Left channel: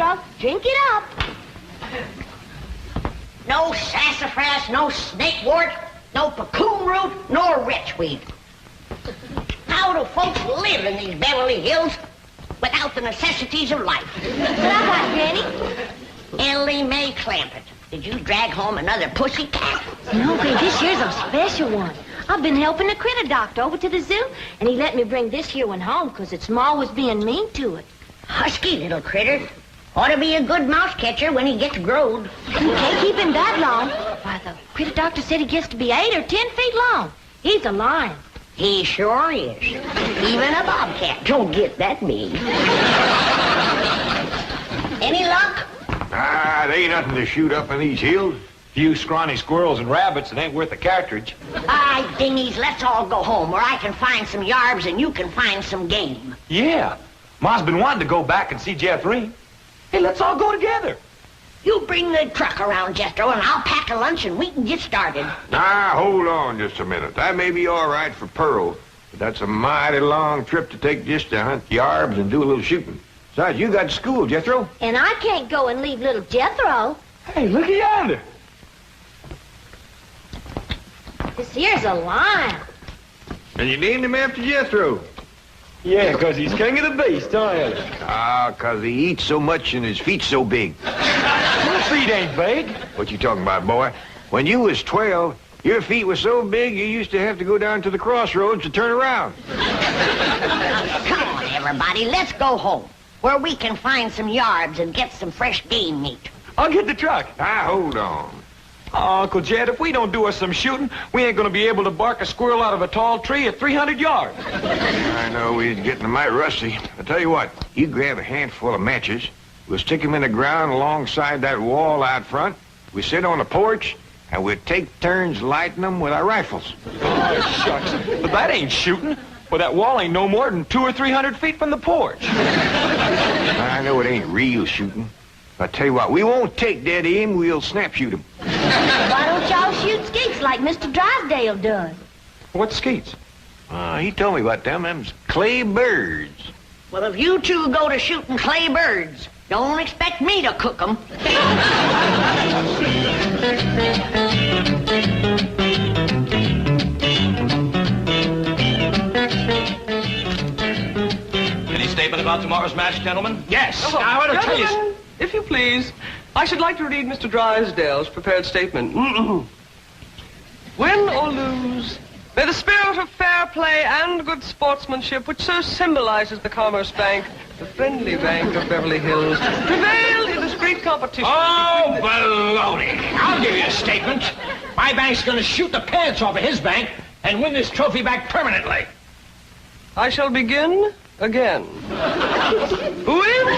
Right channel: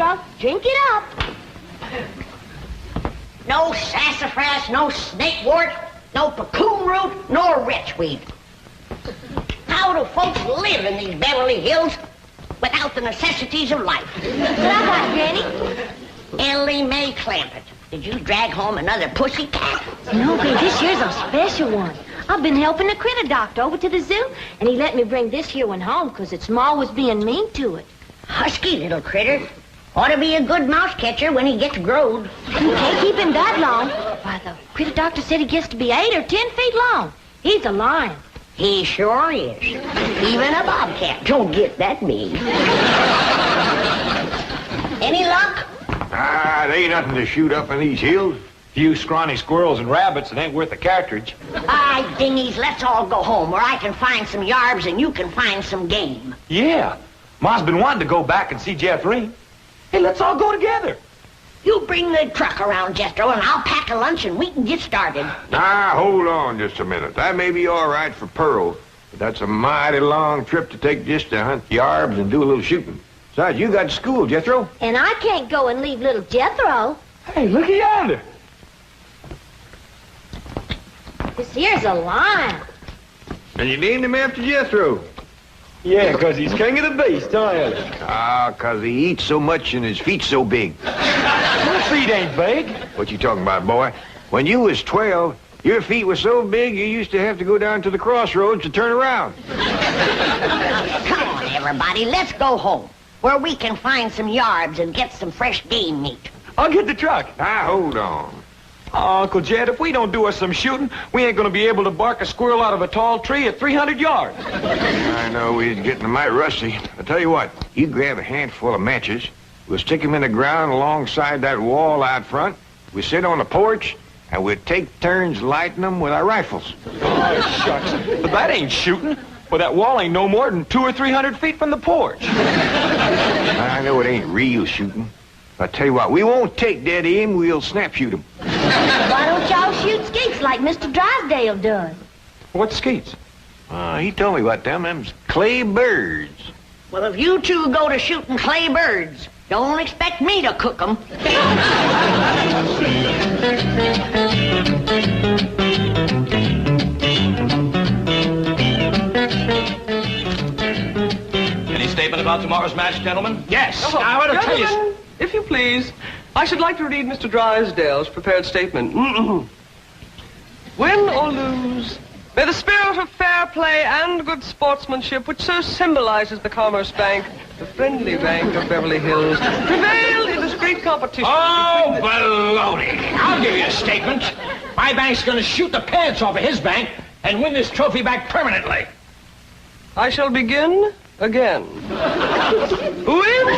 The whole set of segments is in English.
Jethro. Drink it up. No sassafras, no snakewort, no cocoon root, nor witchweed. How do folks live in these Beverly Hills without the necessities of life? What I got, Granny? Ellie Mae Clampett, did you drag home another pussycat? No, babe, this year's a special one. I've been helping the critter doctor over to the zoo, and he let me bring this here one home because its ma was being mean to it. Husky little critter. Ought to be a good mouse catcher when he gets growed. You can't keep him that long. Why, the critter doctor said he gets to be 8 or 10 feet long. He's a lion. He sure is. Even a bobcat don't get that big. Any luck? There ain't nothing to shoot up in these hills. Few scrawny squirrels and rabbits, it ain't worth a cartridge. All right, dingies, let's all go home where I can find some yarbs and you can find some game. Yeah. Ma's been wanting to go back and see Jeffrey. Hey, let's all go together. You bring the truck around, Jethro, and I'll pack a lunch and we can get started. Now, hold on just a minute. That may be all right for Pearl, but that's a mighty long trip to take just to hunt yarbs and do a little shooting. Besides, you got school, Jethro. And I can't go and leave little Jethro. Hey, look at yonder. This here's a lion. And you named him after Jethro. Yeah, 'cause he's king of the beast, aren't he? 'Cause he eats so much and his feet's so big. Your feet ain't big. What you talking about, boy? When you was 12, your feet were so big you used to have to go down to the crossroads to turn around. Come on, everybody, let's go home where we can find some yarbs and get some fresh game meat. I'll get the truck. Now, hold on. Oh, Uncle Jed, if we don't do us some shooting, we ain't gonna be able to bark a squirrel out of a tall tree at 300 yards. I know we're getting mighty rusty. I'll tell you what, you grab a handful of matches, we'll stick them in the ground alongside that wall out front, we sit on the porch, and we'll take turns lighting them with our rifles. Oh, shucks. But that ain't shooting. Well, that wall ain't no more than 200 or 300 feet from the porch. I know it ain't real shooting. I tell you what, we won't take dead aim, we'll snap shoot them. Why don't y'all shoot skeets like Mr. Drysdale does? What's skeets? He told me about them. Them's clay birds. Well, if you two go to shooting clay birds, don't expect me to cook them. Any statement about tomorrow's match, gentlemen? Yes. Oh, I want to tell you. gentlemen, if you please, I should like to read Mr. Drysdale's prepared statement. Win or lose, may the spirit of fair play and good sportsmanship, which so symbolizes the Commerce Bank, the friendly bank of Beverly Hills, prevail in this great competition. Oh, baloney. I'll give you a statement. My bank's going to shoot the pants off of his bank and win this trophy back permanently. I shall begin again. Win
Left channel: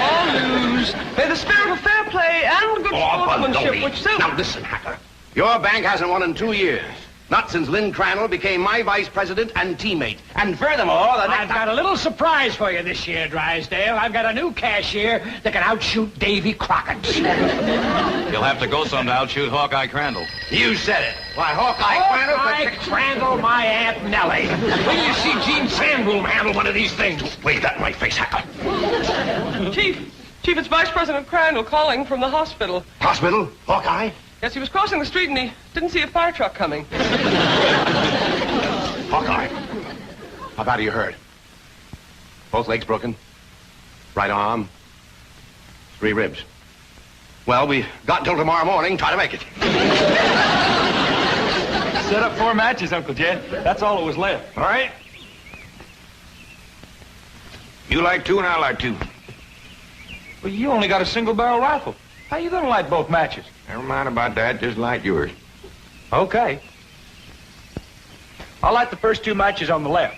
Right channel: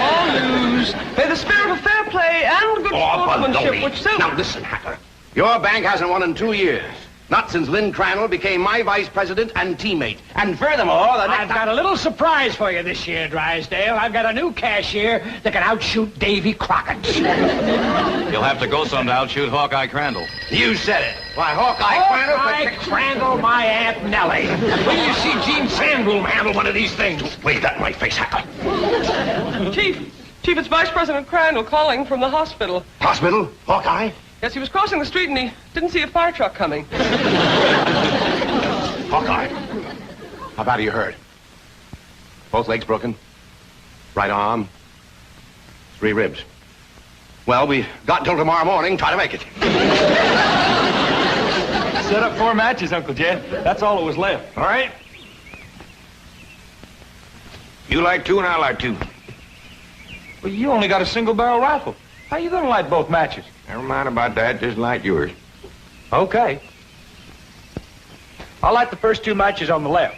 or lose, may the spirit of fair play and good sportsmanship, which so... Now listen, Hacker. Your bank hasn't won in 2 years. Not since Lynn Crandall became my vice president and teammate. And furthermore, the next... I've got a little surprise for you this year, Drysdale. I've got a new cashier that can outshoot Davy Crockett. You'll have to go some to outshoot Hawkeye Crandall. You said it. Why, Hawkeye Crandall... Hawkeye Crandall, my Aunt Nellie. When you see Gene Sandbloom handle one of these things. Wave that in my face, Hacker. Chief, it's Vice President Crandall calling from the hospital. Hospital? Hawkeye? Yes, he was crossing the street and he didn't see a fire truck coming. Hawkeye. How bad are you hurt? Both legs broken? Right arm? 3 ribs. Well, we got until tomorrow morning. Try to make it. Set up 4 matches, Uncle Jed. That's all that was left. All right? You like 2 and I like 2. Well, you only got a single-barrel rifle. How you gonna light both matches? Never mind about that, just light yours. Okay. I'll light the first 2 matches on the left.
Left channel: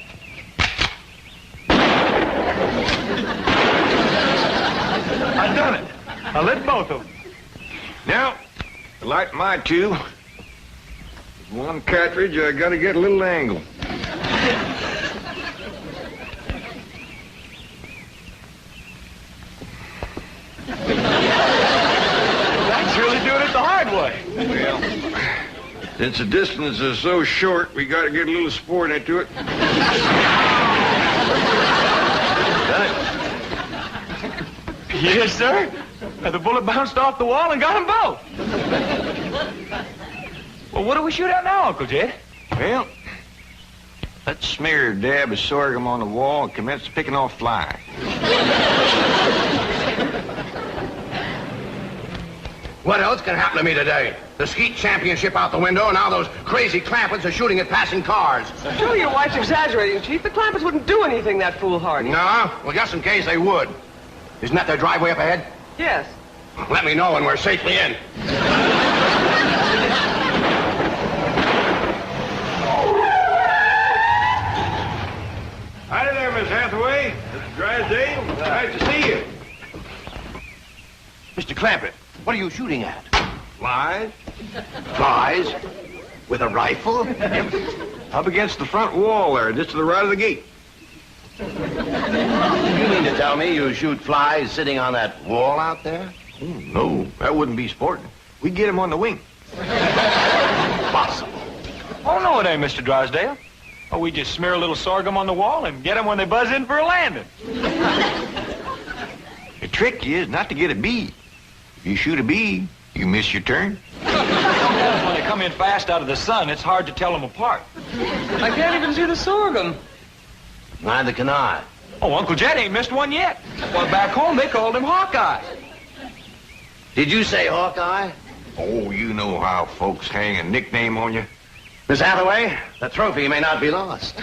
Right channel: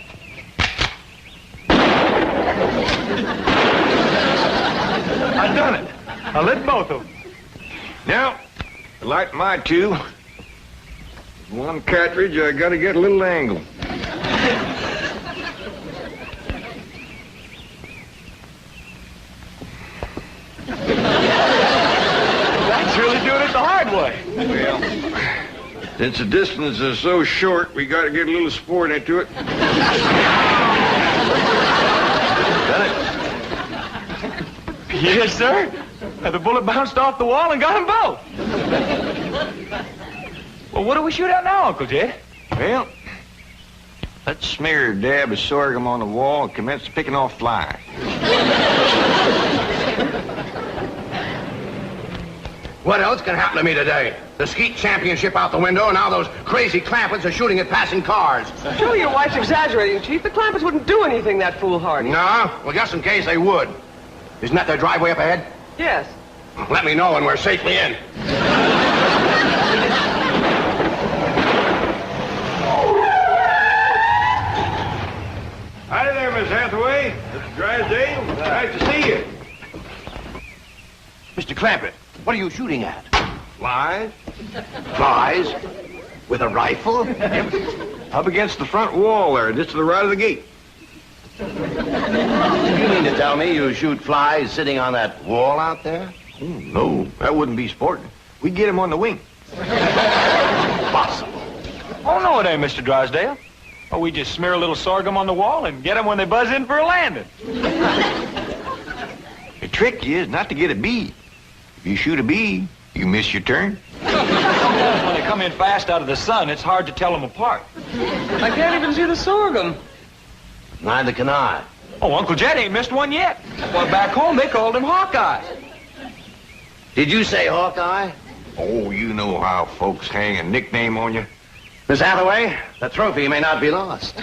I done it. I lit both of them. Now, to light my 2, with 1 cartridge, I gotta get a little angle. That's really doing it the hard way. Well, since the distance is so short, we gotta get a little sport into it. Done it. Yes, sir. The bullet bounced off the wall and got them both. Well, what do we shoot at now, Uncle Jed? Well, let's smear a dab of sorghum on the wall and commence picking off flies. What else can happen to me today? The skeet championship out the window, and now those crazy Clampets are shooting at passing cars. Surely your wife's exaggerating, Chief. The Clampets wouldn't do anything that foolhardy. No? Well, just in case they would. Isn't that their driveway up ahead? Yes. Let me know when we're safely in. Hi there, Miss Hathaway. Mr. Drysdale. Nice to see you. Mr. Clampett, what are you shooting at? Flies? Flies? With a rifle? Up against the front wall there, just to the right of the gate. You mean to tell me you shoot flies sitting on that wall out there? Oh, no, that wouldn't be sporting. We'd get him on the wing. Impossible. Oh, no, it ain't, Mr. Drysdale. Oh, we just smear a little sorghum on the wall and get them when they buzz in for a landing. The trick is not to get a bee. If you shoot a bee, you miss your turn. When they come in fast out of the sun, it's hard to tell them apart. I can't even see the sorghum. Neither can I. Oh, Uncle Jed ain't missed one yet. Well, back home, they called him Hawkeye. Did you say Hawkeye? Oh, you know how folks hang a nickname on you. Miss Hathaway, the trophy may not be lost.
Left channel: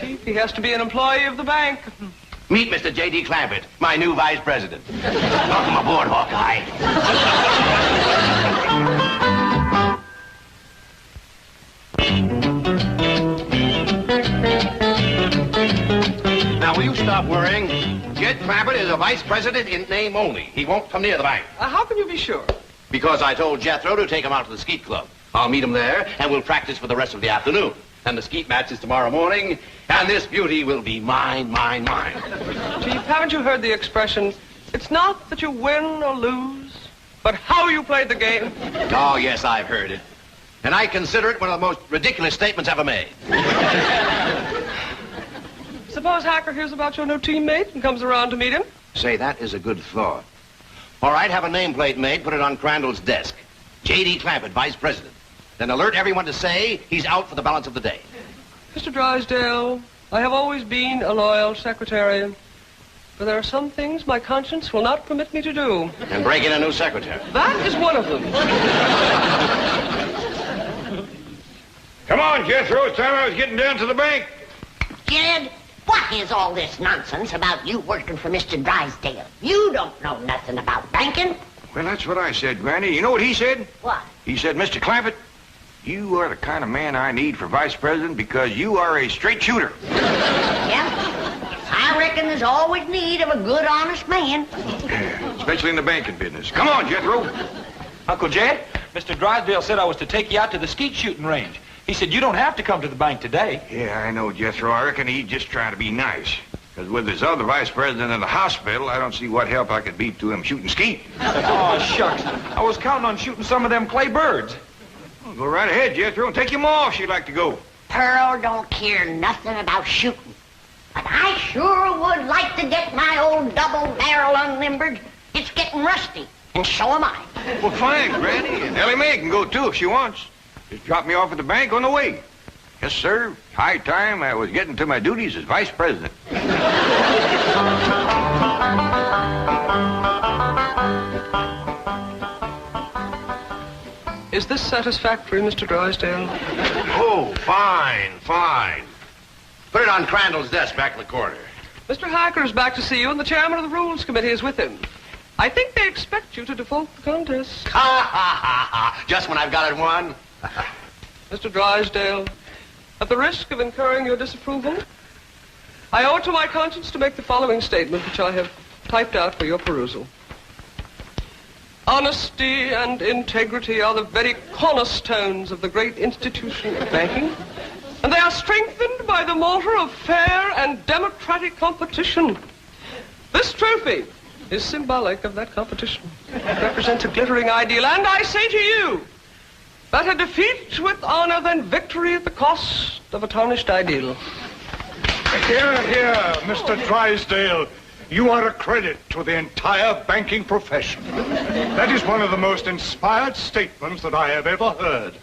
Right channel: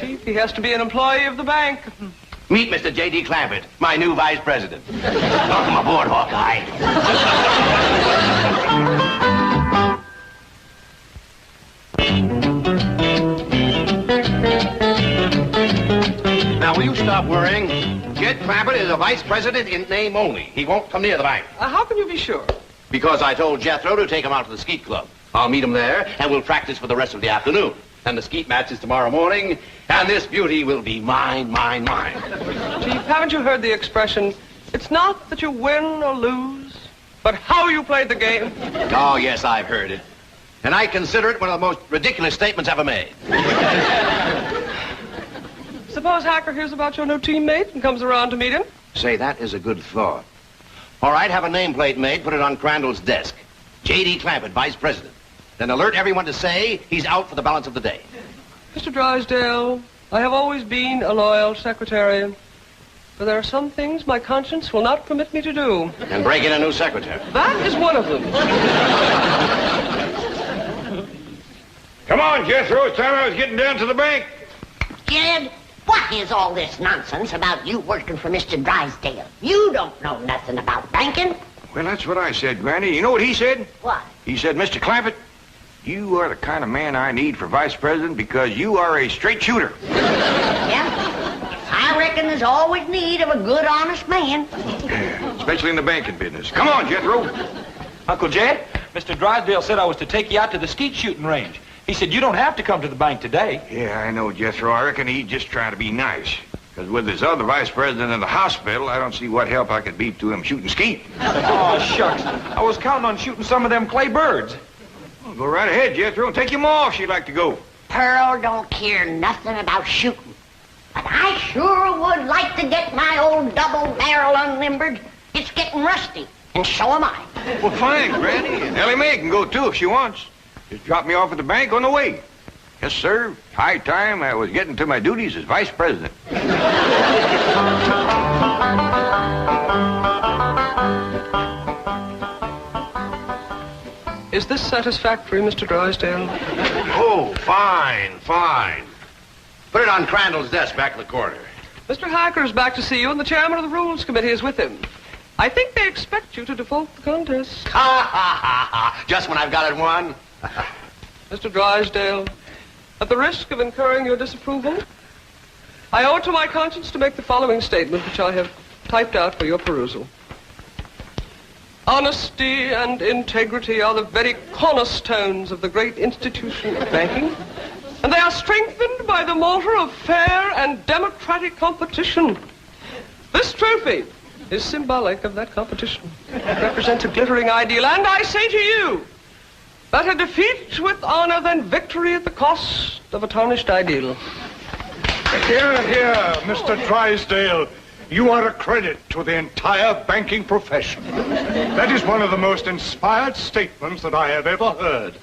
Chief, he has to be an employee of the bank. Meet Mr. J.D. Clampett, my new vice president. Welcome aboard, Hawkeye. Now, will you stop worrying? Jed Clampett is a vice president in name only. He won't come near the bank. How can you be sure? Because I told Jethro to take him out to the skeet club. I'll meet him there, and we'll practice for the rest of the afternoon. And the skeet match is tomorrow morning, and this beauty will be mine, mine, mine. Chief, haven't you heard the expression, it's not that you win or lose, but how you played the game? Oh, yes, I've heard it. And I consider it one of the most ridiculous statements ever made. Suppose Hacker hears about your new teammate and comes around to meet him? Say, that is a good thought. All right, have a nameplate made, put it on Crandall's desk. J.D. Clampett, vice president. Then alert everyone to say he's out for the balance of the day. Mr. Drysdale, I have always been a loyal secretary, but there are some things my conscience will not permit me to do. And break in a new secretary. That is one of them. Come on, Jethro. It's time I was getting down to the bank. Jed, what is all this nonsense about you working for Mr. Drysdale? You don't know nothing about banking. Well, that's what I said, Granny. You know what he said? What? He said, Mr. Clampett, you are the kind of man I need for vice president because you are a straight shooter. Yeah? I reckon there's always need of a good, honest man. Especially in the banking business. Come on, Jethro. Uncle Jed, Mr. Drysdale said I was to take you out to the skeet shooting range. He said you don't have to come to the bank today. Yeah, I know, Jethro. I reckon he's just trying to be nice. Because with this other vice president in the hospital, I don't see what help I could be to him shooting skeet. Oh, shucks. I was counting on shooting some of them clay birds. Well, go right ahead, Jethro, and take him off if you'd like to go. Pearl don't care nothing about shooting. But I sure would like to get my old double barrel unlimbered. It's getting rusty, and so am I. Well, fine, Granny. And Ellie Mae can go, too, if she wants. Just drop me off at the bank on the way. Yes, sir. High time I was getting to my duties as vice president. Is this satisfactory, Mr. Drysdale? Oh, fine, fine. Put it on Crandall's desk back in the corner. Mr. Hacker is back to see you, and the chairman of the Rules Committee is with him. I think they expect you to default the contest. Ha, ha, ha, ha. Just when I've got it won. Mr. Drysdale, at the risk of incurring your disapproval, I owe it to my conscience to make the following statement, which I have typed out for your perusal. Honesty and integrity are the very cornerstones of the great institution of banking, and they are strengthened by the mortar of fair and democratic competition. This trophy is symbolic of that competition. It represents a glittering ideal, and I say to you, better defeat with honor than victory at the cost of a tarnished ideal. Here, Mr. Drysdale. You are a credit to the entire banking profession. That is one of the most inspired statements that I have ever heard.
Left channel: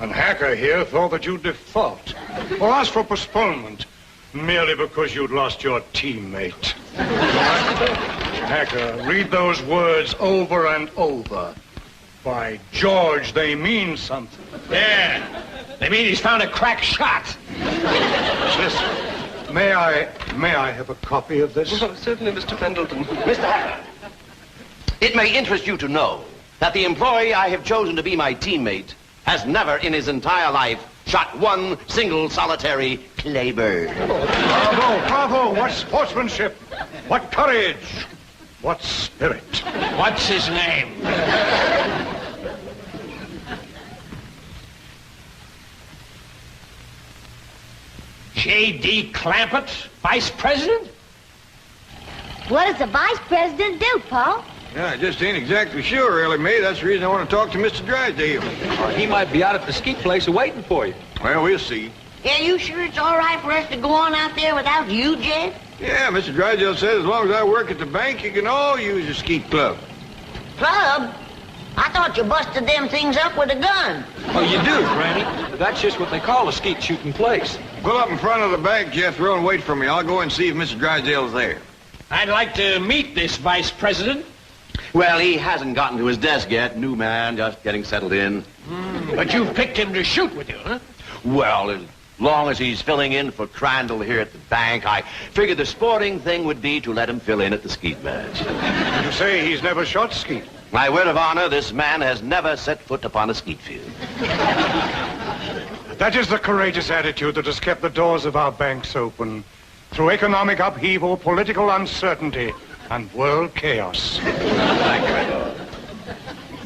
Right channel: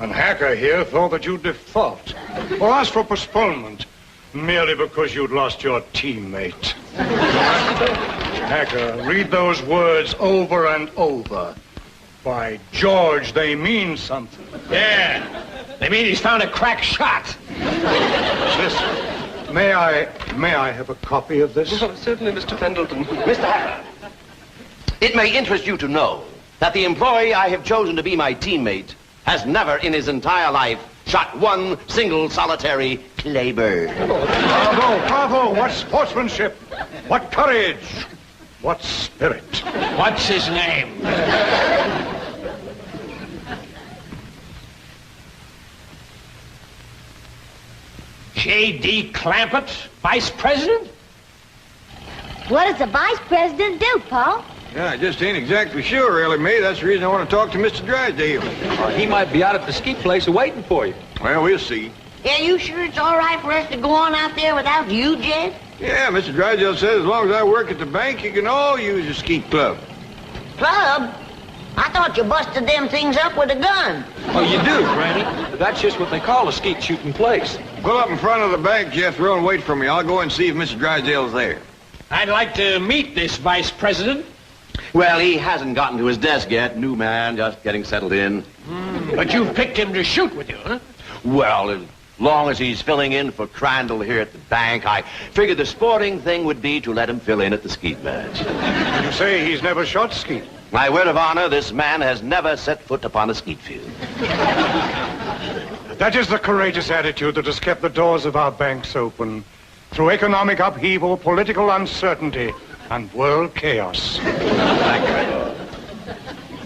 And Hacker here thought that you'd default or ask for postponement merely because you'd lost your teammate. Hacker, read those words over and over. By George, they mean something. Yeah, they mean he's found a crack shot. Listen, may I have a copy of this? Oh, certainly, Mr. Pendleton. Mr. Hacker, it may interest you to know that the employee I have chosen to be my teammate has never in his entire life shot one single solitary claybird. Bravo, bravo. What sportsmanship. What courage. What spirit. What's his name? J.D. Clampett, vice president? What does the vice president do, Paul? Yeah, I just ain't exactly sure, really, May. That's the reason I want to talk to Mr. Drysdale. He might be out at the skeet place waiting for you. Well, we'll see. Yeah, you sure it's all right for us to go on out there without you, Jed? Yeah, Mr. Drysdale says as long as I work at the bank, you can all use the skeet club. Club? I thought you busted them things up with a gun. Oh, you do, Granny. That's just what they call a skeet shooting place. Pull up in front of the bank, Jethro, and wait for me. I'll go and see if Mr. Drysdale's there. I'd like to meet this vice president. Well, he hasn't gotten to his desk yet. New man, just getting settled in. But you picked him to shoot with you, huh? Well, as long as he's filling in for Crandall here at the bank, I figured the sporting thing would be to let him fill in at the skeet match. Did you say he's never shot skeet? My word of honor, this man has never set foot upon a skeet field. That is the courageous attitude that has kept the doors of our banks open through economic upheaval, political uncertainty, and world chaos.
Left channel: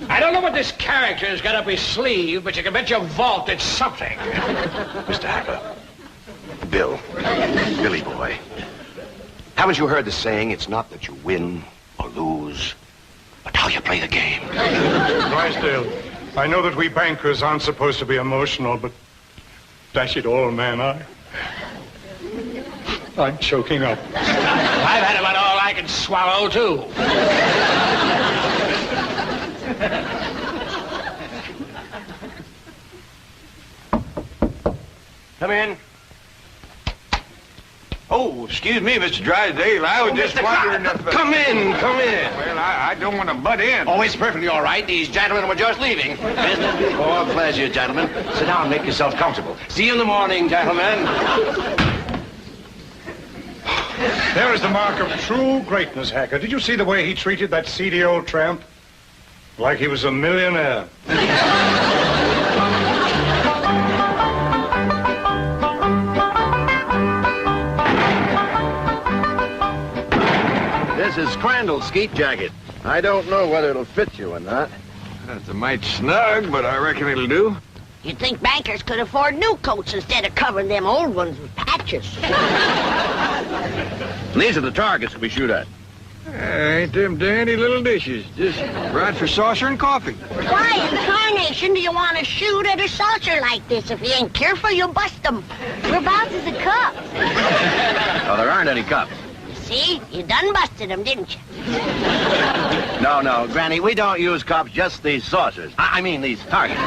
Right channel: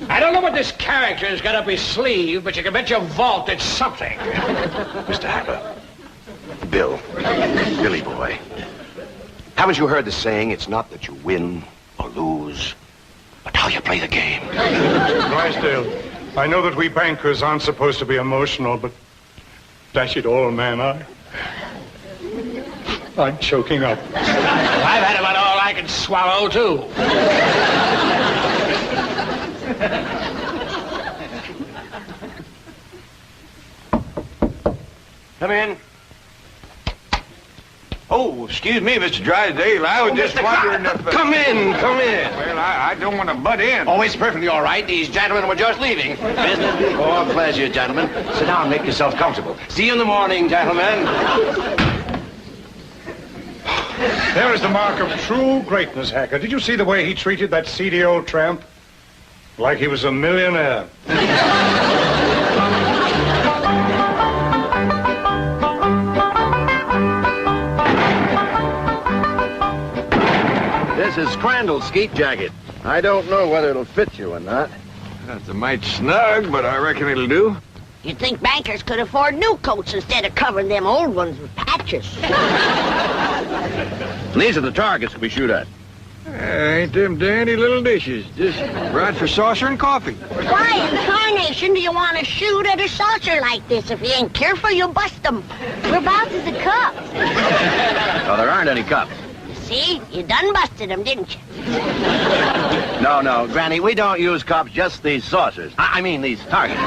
I don't know what this character's got up his sleeve, but you can bet your vault it's something. Mr. Hacker, Bill, Billy boy, haven't you heard the saying, it's not that you win or lose, but how you play the game? Drysdale, I know that we bankers aren't supposed to be emotional, but dash it all, man, I'm choking up. I've had about all I can swallow, too. Come in. Oh, excuse me, Mr. Drysdale. I was just wondering if... Come in, come in. Well, I don't want to butt in. Oh, it's perfectly all right. These gentlemen were just leaving. Business before pleasure, gentlemen. Sit down and make yourself comfortable. See you in the morning, gentlemen. There is the mark of true greatness, Hacker. Did you see the way he treated that seedy old tramp? Like he was a millionaire. This is Crandall's skeet jacket. I don't know whether it'll fit you or not. That's a mite snug, but I reckon it'll do. You'd think bankers could afford new coats instead of covering them old ones with patches. These are the targets we shoot at. Ain't them dandy little dishes. Just right for saucer and coffee. Why in tarnation do you want to shoot at a saucer like this? If you ain't careful, you'll bust them. Whereabouts is the cup? Oh, there aren't any cups. See? You done busted them, didn't you? No, Granny, we don't use cups, just these saucers. I mean these targets.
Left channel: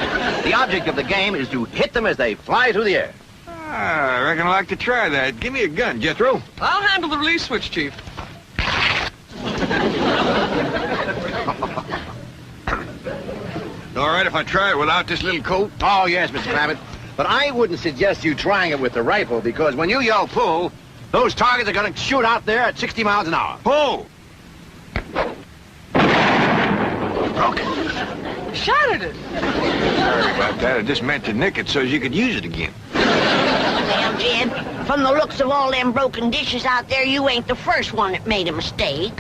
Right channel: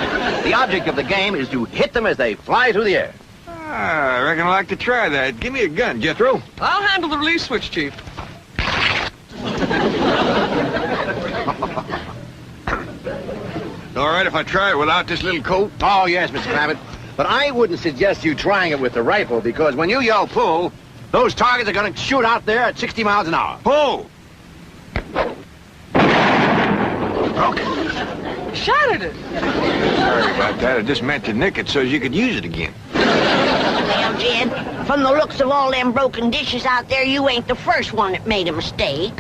The object of the game is to hit them as they fly through the air. I reckon I'd like to try that. Give me a gun, Jethro. I'll handle the release switch, Chief. All right if I try it without this little coat? Oh, yes, Mr. Clampett. But I wouldn't suggest you trying it with the rifle, because when you yell pull, those targets are going to shoot out there at 60 miles an hour. Pull! Broken. Shot at it. Sorry about that. I just meant to nick it so you could use it again. Well, Jed, from the looks of all them broken dishes out there, you ain't the first one that made a mistake.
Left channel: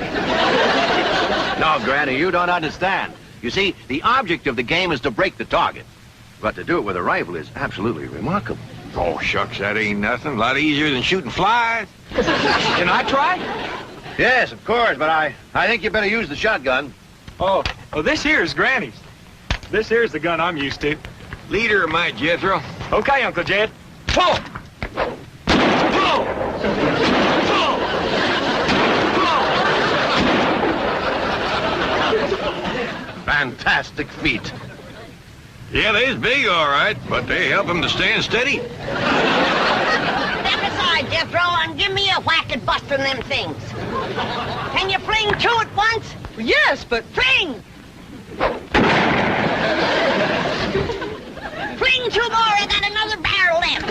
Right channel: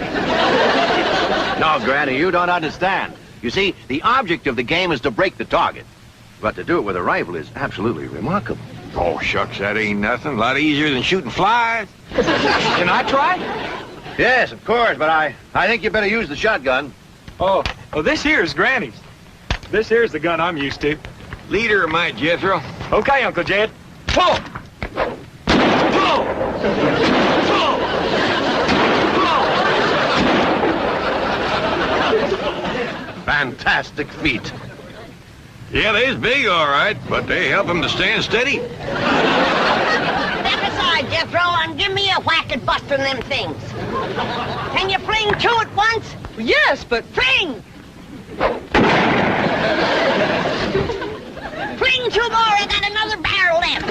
No, Granny, you don't understand. You see, the object of the game is to break the target. But to do it with a rifle is absolutely remarkable. Oh, shucks, that ain't nothing. A lot easier than shooting flies. Can I try? Yes, of course, but I think you better use the shotgun. Oh, this here's Granny's. This here's the gun I'm used to. Leader of my Jethro. Okay, Uncle Jed. Pull! Pull! Pull! fantastic feet. Yeah, they's big, all right, but they help him to stand steady. Step aside, Jethro, and give me a whack at busting them things. Can you fling two at once? Yes, but... Fling! Fling two more, I got another barrel left.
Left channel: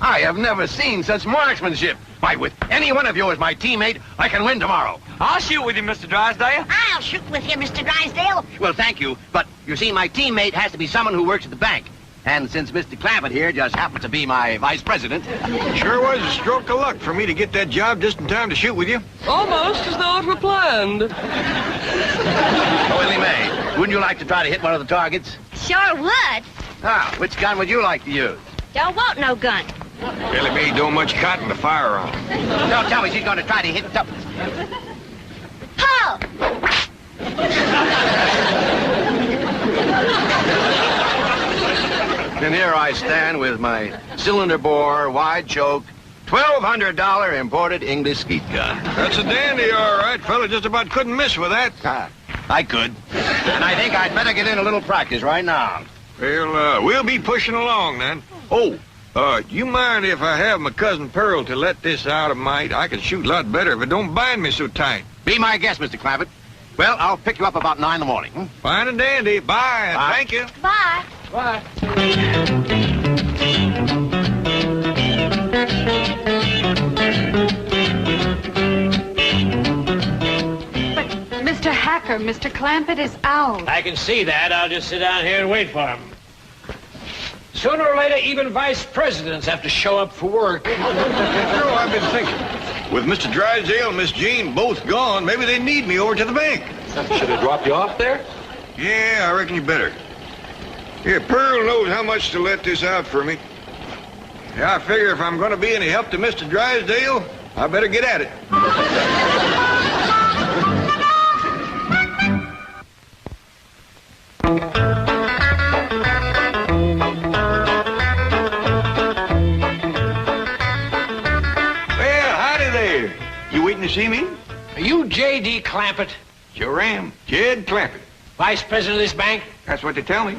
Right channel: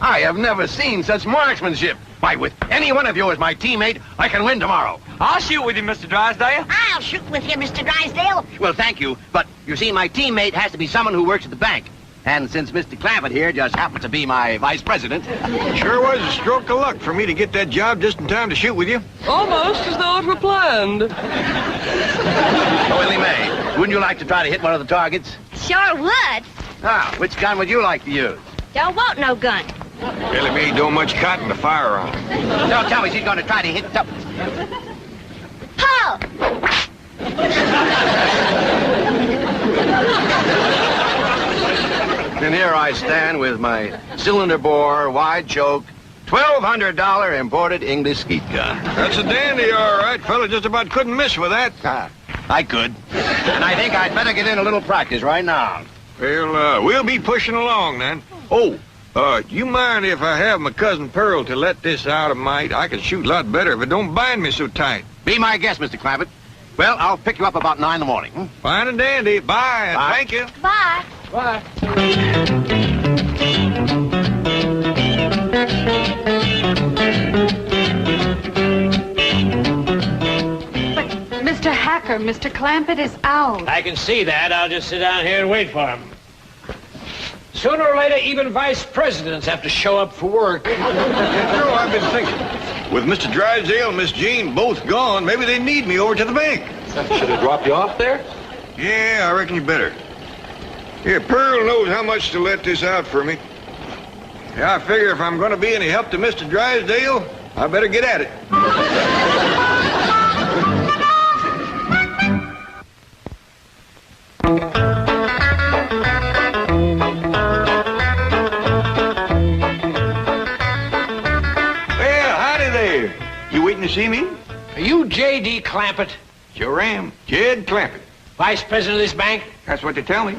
I have never seen such marksmanship. Why, with any one of you as my teammate, I can win tomorrow. I'll shoot with you, Mr. Drysdale. I'll shoot with you, Mr. Drysdale. Well, thank you, but you see, my teammate has to be someone who works at the bank. And since Mr. Clampett here just happens to be my vice president... Sure was a stroke of luck for me to get that job just in time to shoot with you. Almost as though it were planned. Oh, Willie Mae, wouldn't you like to try to hit one of the targets? Sure would. Ah, which gun would you like to use? Don't want no gun. Billy Mae don't much cotton to fire on. Don't tell me she's going to try to hit something. Ho! And here I stand with my cylinder bore, wide choke, $1,200 imported English skeet gun. That's a dandy, all right, fella. Just about couldn't miss with that. Ah, I could. And I think I'd better get in a little practice right now. Well, we'll be pushing along then. Oh, you mind if I have my cousin Pearl to let this out a mite? I can shoot a lot better if it don't bind me so tight. Be my guest, Mr. Clampett. Well, I'll pick you up about 9 in the morning. Hmm? Fine and dandy. Bye. Bye. Thank you. Bye. Bye. Mr. Hacker, Mr. Clampett is out. I can see that. I'll just sit down here and wait for him. Sooner or later, even vice presidents have to show up for work. You know, I've been thinking. With Mr. Drysdale and Miss Jean both gone, maybe they need me over to the bank. Should have dropped you off there? Yeah, I reckon you better. Here, Pearl knows how much to let this out for me. Yeah, I figure if I'm going to be any help to Mr. Drysdale, I better get at it. Well, howdy there. You waiting to see me? Are you J.D. Clampett, Sure am. Jed Clampett. vice president of this bank? That's what they tell me.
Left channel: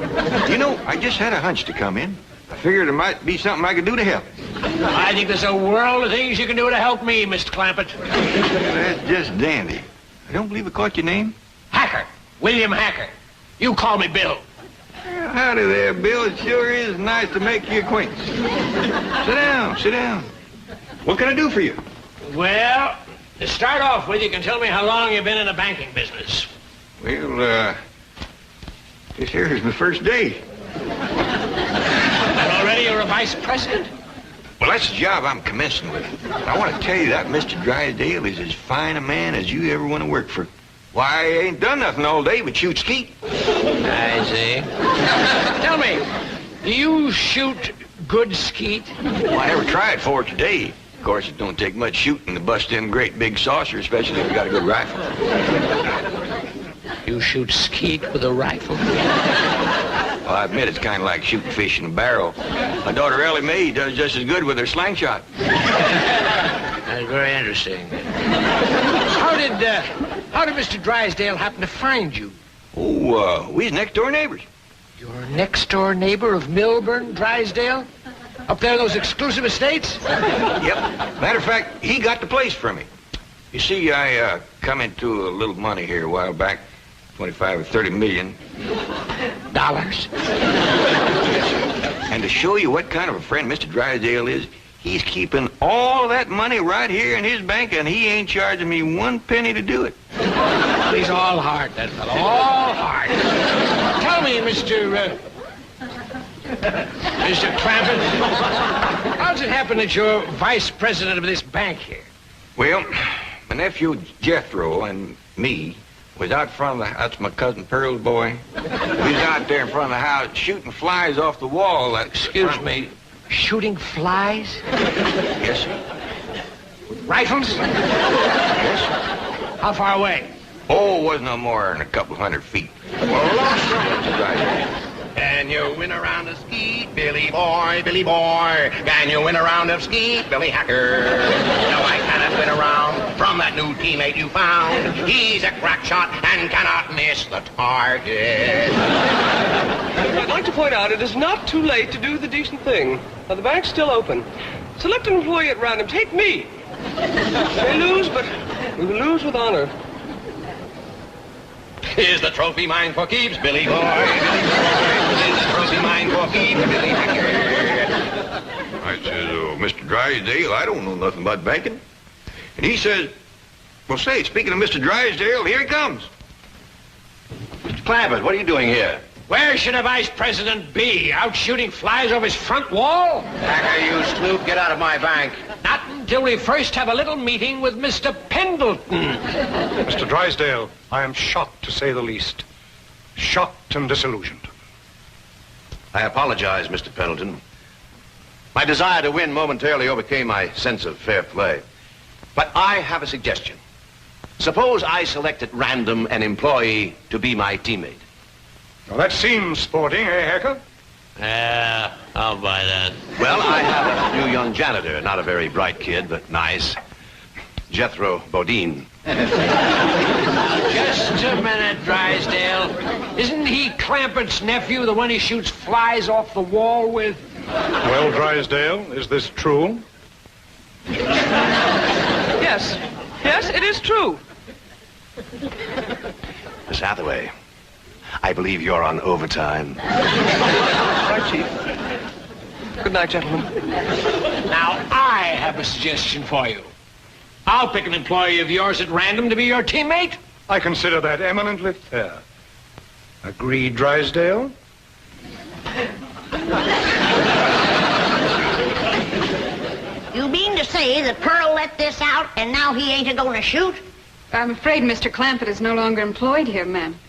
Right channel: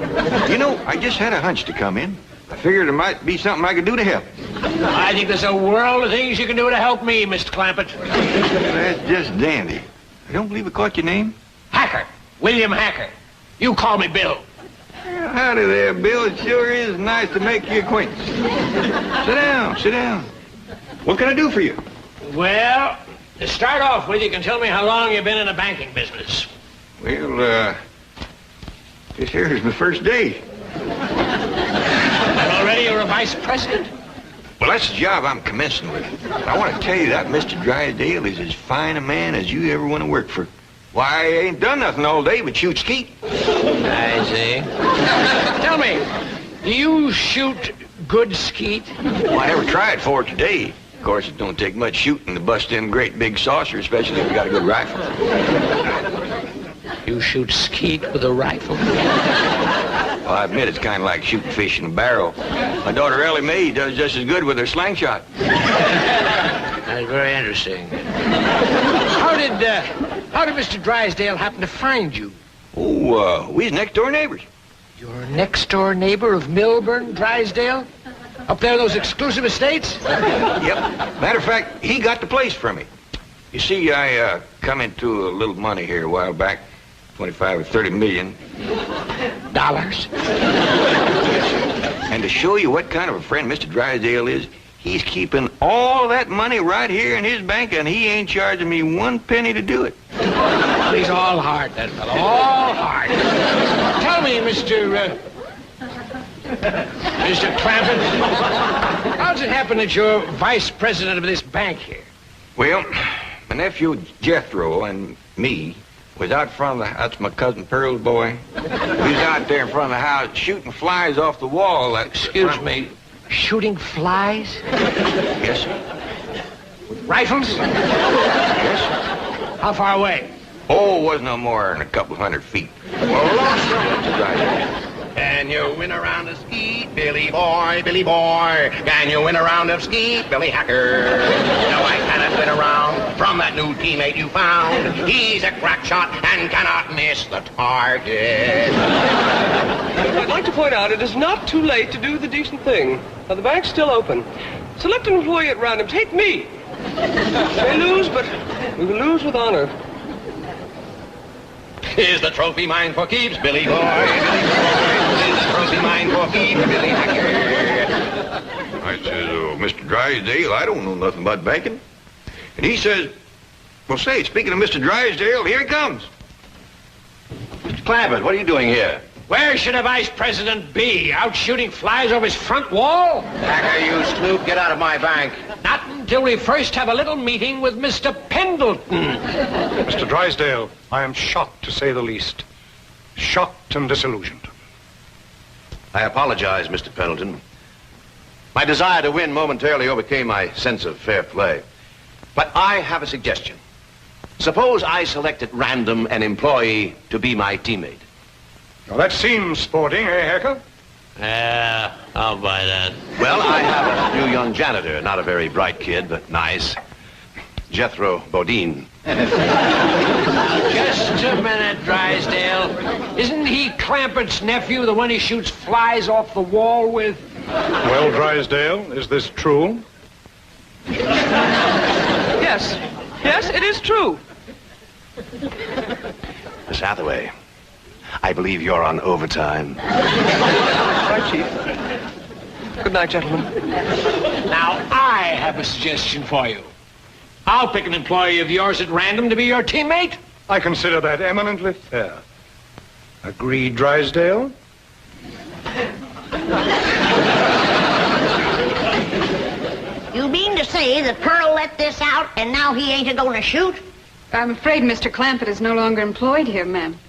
You know, I just had a hunch to come in. I figured there might be something I could do to help. I think there's a world of things you can do to help me, Mr. Clampett. That's just dandy. I don't believe I caught your name. Hacker. William Hacker. You call me Bill. Well, howdy there, Bill. It sure is nice to make your acquaintance. Sit down, sit down. What can I do for you? Well, to start off with, you can tell me how long you've been in the banking business. Well, this here is my first day. And already you're a vice president? Well, that's the job I'm commencing with. I want to tell you that Mr. Drysdale is as fine a man as you ever want to work for. Why, I ain't done nothing all day but shoot skeet. I see. Tell me, do you shoot good skeet? Well, I never tried for it today. Of course, it don't take much shooting to bust in a great big saucer, especially if you got a good rifle. You shoot skeet with a rifle? Well, I admit it's kind of like shooting fish in a barrel. My daughter Ellie Mae does just as good with her slingshot. That's very interesting. How did Mr. Drysdale happen to find you? Oh, we was next-door neighbors. Your next-door neighbor of Milburn, Drysdale? Up there in those exclusive estates? Yep. Matter of fact, he got the place for me. You see, I come into a little money here a while back, 25 or 30 million. Dollars? And to show you what kind of a friend Mr. Drysdale is, he's keeping all that money right here in his bank, and he ain't charging me 1 penny to do it. He's all heart, that fellow. All heart. Tell me, Mr. Clampett, how does it happen that you're vice president of this bank here? Well, my nephew Jethro and me was out front of the... That's my cousin Pearl's boy. We was out there in front of the house shooting flies off the wall. Excuse me, shooting flies? Yes, sir. Rifles? Yes, sir. How far away? Oh, it wasn't no more than a couple 100 feet. Well, lost Mr. Drysdale. Can you win a round of skeet, Billy boy, Billy boy? Can you win a round of skeet, Billy Hacker? No, I cannot win a round from that that new teammate you found. He's a crack shot and cannot miss the target. I'd like to point out it is not too late to do the decent thing. Now, the bank's still open. Select an employee at random. Take me. We may lose, but we will lose with honor. Is the trophy mine for keeps, Billy boy? Billy boy. Is the trophy mine for keeps, Billy Hacker? I says, Mr. Drysdale, I don't know nothing about banking. And he says, well, say, speaking of Mr. Drysdale, here he comes. Mr. Clampett, what are you doing here? Where should a vice president be? Out shooting flies over his front wall? Hacker, you snoop, get out of my bank. Not until we first have a little meeting with Mr. Pendleton. Mr. Drysdale, I am shocked, to say the least. Shocked and disillusioned. I apologize, Mr. Pendleton. My desire to win momentarily overcame my sense of fair play. But I have a suggestion. Suppose I select at random an employee to be my teammate. Now, that seems sporting, eh, Hacker? Yeah, I'll buy that. Well, I have a new young janitor, not a very bright kid, but nice. Jethro Bodine. Just a minute, Drysdale. Isn't he Clampett's nephew, the one he shoots flies off the wall with? Well, Drysdale, is this true? Yes. Yes, it is true. Miss Hathaway, I believe you're on overtime. Right, Chief. Good night, gentlemen. Now, I have a suggestion for you. I'll pick an employee of yours at random to be your teammate. I consider that eminently fair. Agreed, Drysdale? You mean to say that Pearl let this out and now he ain't a-going to shoot? I'm afraid Mr. Clampett is no longer employed here, ma'am.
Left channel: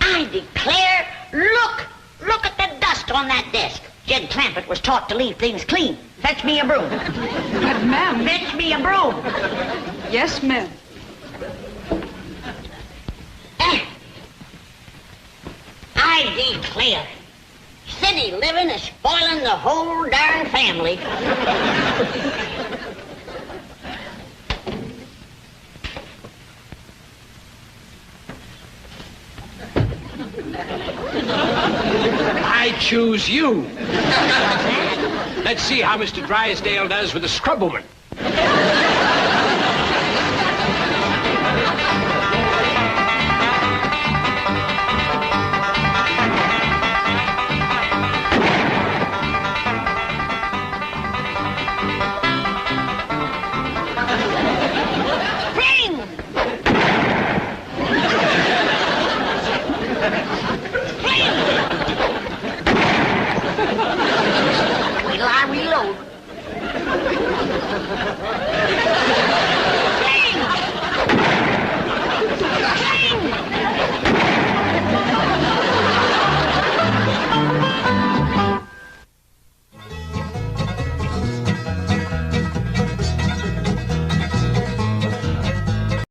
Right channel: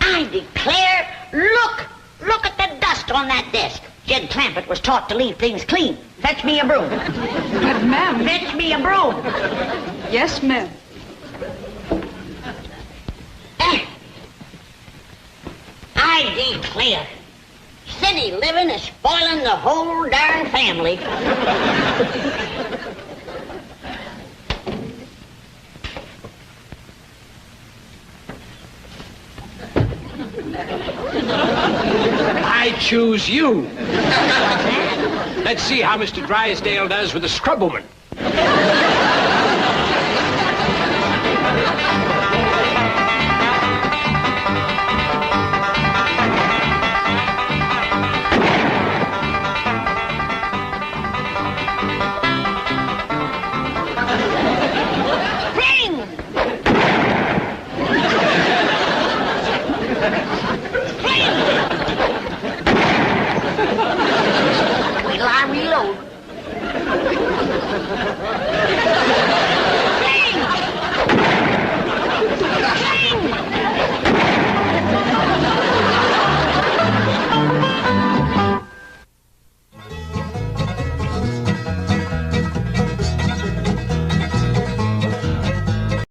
I declare, look at the dust on that desk. Jed Clampett was taught to leave things clean. Fetch me a broom. But, ma'am... Fetch me a broom. Yes, ma'am. I declare, city living is spoiling the whole darn family. I choose you. Let's see how Mr. Drysdale does with the scrub woman.